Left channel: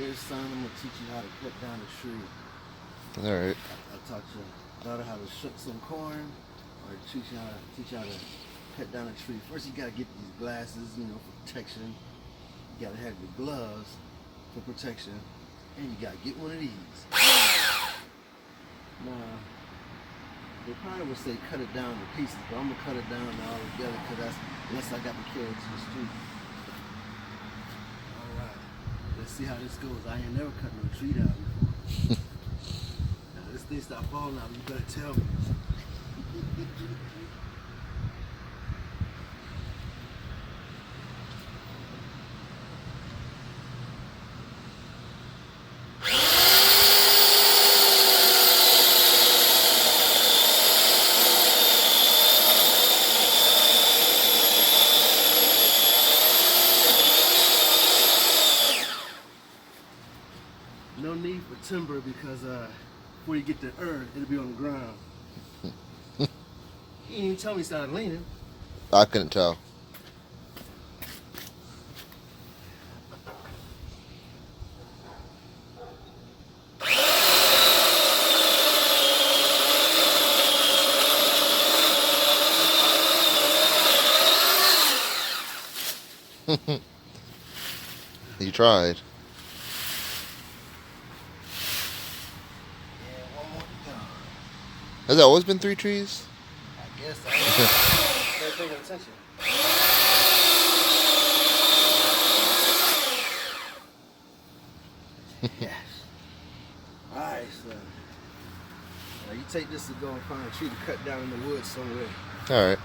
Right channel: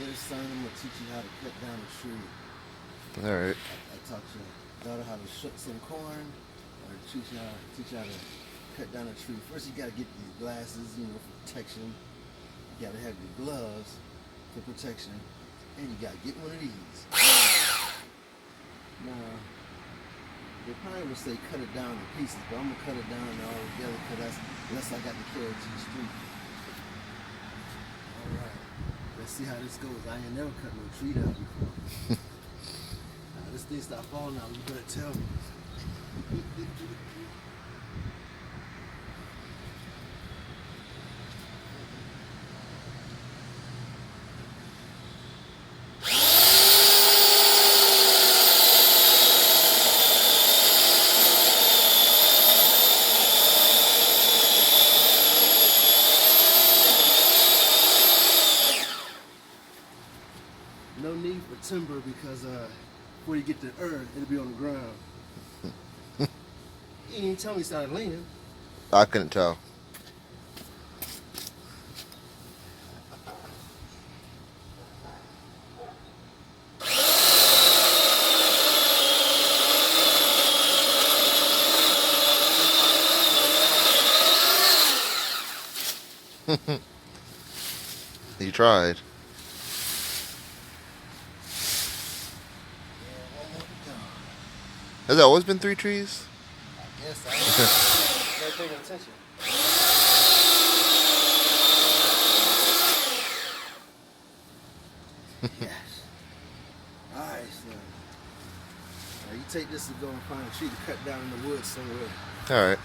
Dear son, I'm gonna teach you how to cut down a tree. Alright. I taught your daughter how to shuck some corn, or teach you how to cut down a tree. First, you gotta get these glasses, for protection. You gotta have your gloves for protection, and you gotta get one of these. Now, they probably would say cut it down in pieces, but I'm gonna cut it down all together because unless I got to carry it to the street. All right, let's see how this goes. I ain't never cut no tree down before. Now this thing stop falling out. You better tell me. No need for timber because before you get to earth, it'll be on the ground. You didn't even tell me you started leaning. I couldn't tell. You tried. Has that always been 3 trees? I guess I ain't paying attention. Yes. Alright, so now you take this and go and find a tree to cut down in the woods somewhere. Alright.